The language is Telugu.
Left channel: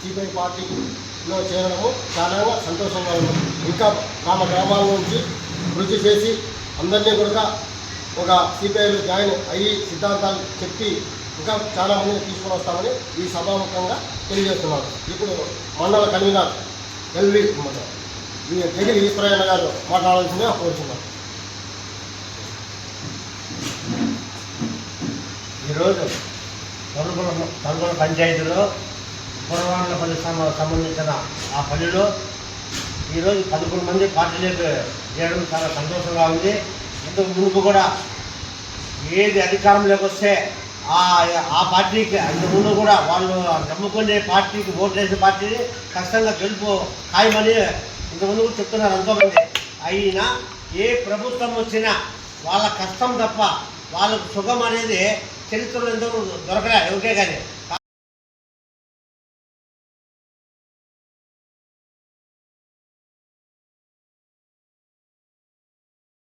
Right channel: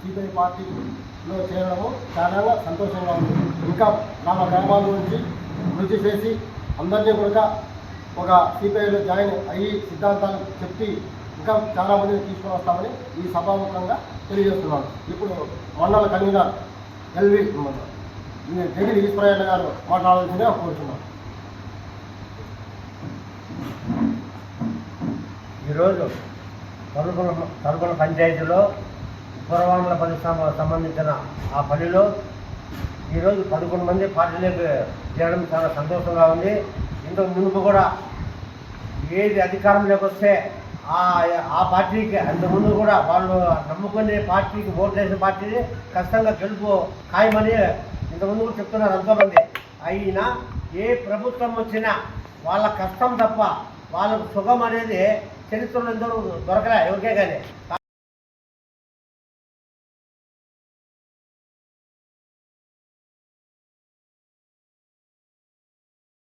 సిపిఐ పార్టీలో చేరడము చాలా సంతోషంగా ఉంది. ఇంకా గ్రామ గ్రామాల నుంచి కృషి చేసి అందరినీ కూడా ఒక సిపిఐలో జాయిన్ అయ్యి సిద్ధాంతాలు చెప్పి ఇంకా చాలా మందిని తీసుకొని వస్తామని ఈ సభాముఖంగా తెలియజేస్తున్నాను. ఇప్పుడు మండల కన్వీనర్ ఎల్వి ఈ జగిరి ఈశ్వరయ్య గారు మాట్లాడాల్సిందిగా కోరుతున్నాను. ఈరోజు తలుపుల తలుపుల పంచాయతీలో పురవాండ్ల పల్లి సంబంధించిన ఆ పనిలో ఈరోజు పదకొండు మంది పార్టీలోకి చేయడం చాలా సంతోషంగా ఉంది. ఇంతకు మునుపు కూడా ఏది అధికారంలోకి వస్తే ఆ పార్టీకి అంతకుముందు కూడా వాళ్ళు నమ్ముకునే పార్టీకి ఓట్లు వేసే పార్టీని కష్టంగా గెలుపు ఖాయమని ఇంతకుముందు కూడా చెప్తున్నారు ఎంతోమంది. అయినా ఏ ప్రభుత్వం వచ్చినా వాళ్ళ కష్టం తప్ప వాళ్ళకు సుఖం అనేది చరిత్రలో ఎంతో దొరకలే ఎవరికే కానీ.